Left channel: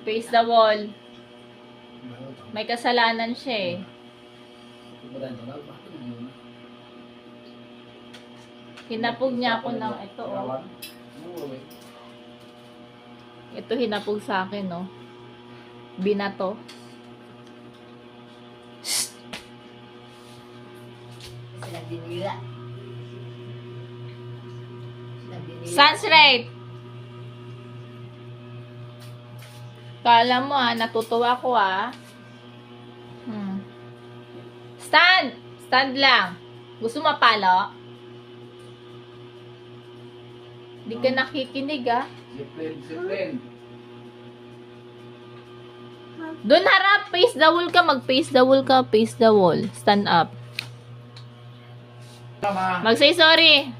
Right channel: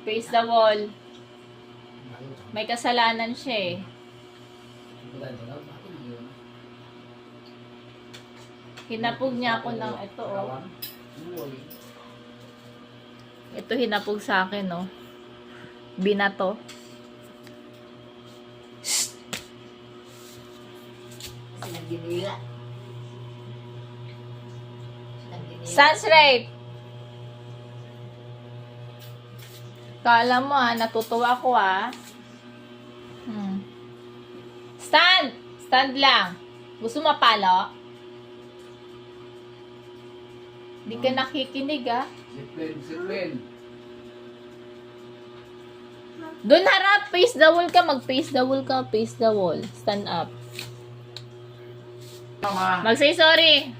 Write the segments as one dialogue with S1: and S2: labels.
S1: Face the wall. May kasalanan siya eh. Hinapog niya ako ng ito oh. Ito hinapog sa akin oh. Binato. Right. Kala mo ah, natutuwa ko ah. Hmm. Stand! Stand lang. Gusto mapalo? Di ka nakikinig ah.
S2: Discipline, discipline.
S1: Doon harap, face the wall ka. Mag-face the wall ka. Face the wall. Stand up.
S2: Tama.
S1: Mag-say sorry.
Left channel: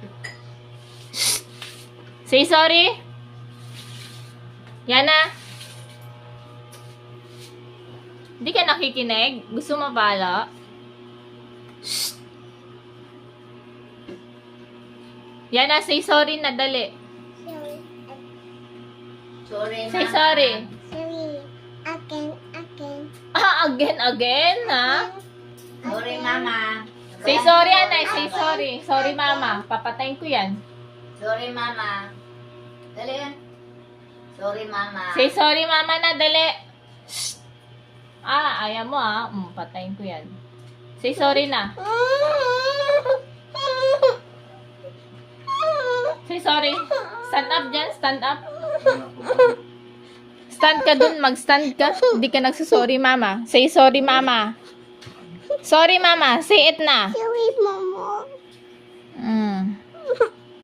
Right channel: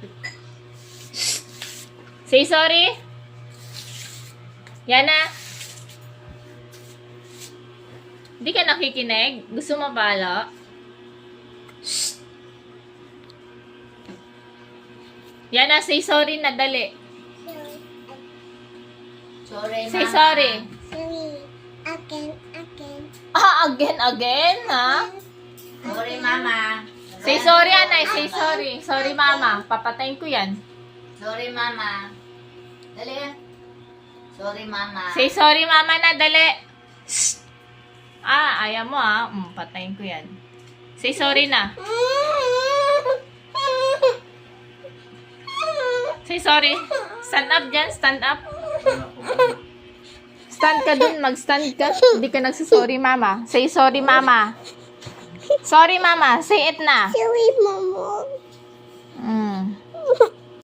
S1: Say sorry. Yan na. Hindi ka nakikinig? Gusto mo pala? Shh. Yan na, say sorry na dali.
S3: Sorry,
S1: Say
S3: mama.
S1: sorry.
S4: Sorry. Again, again.
S1: Ah, again, again, ha?
S3: Sorry, mama.
S1: Say sorry, anay. Say sorry. Sorry, mama. Papatayin ko yan.
S3: Sorry, mama. Dali yan. Sorry, mama.
S1: Say sorry, mama na, dali. Shh. Ah, ayaw mo ah. Mm, patayin ko yan. Say sorry na. Say sorry. Stand up dyan, stand up. Stand ka dun, mag-stand ka. Hindi ka nagsasorry, mama. Say sorry, mama. Sorry, mama. Say it na.
S4: Sorry, Mama.
S1: Mm.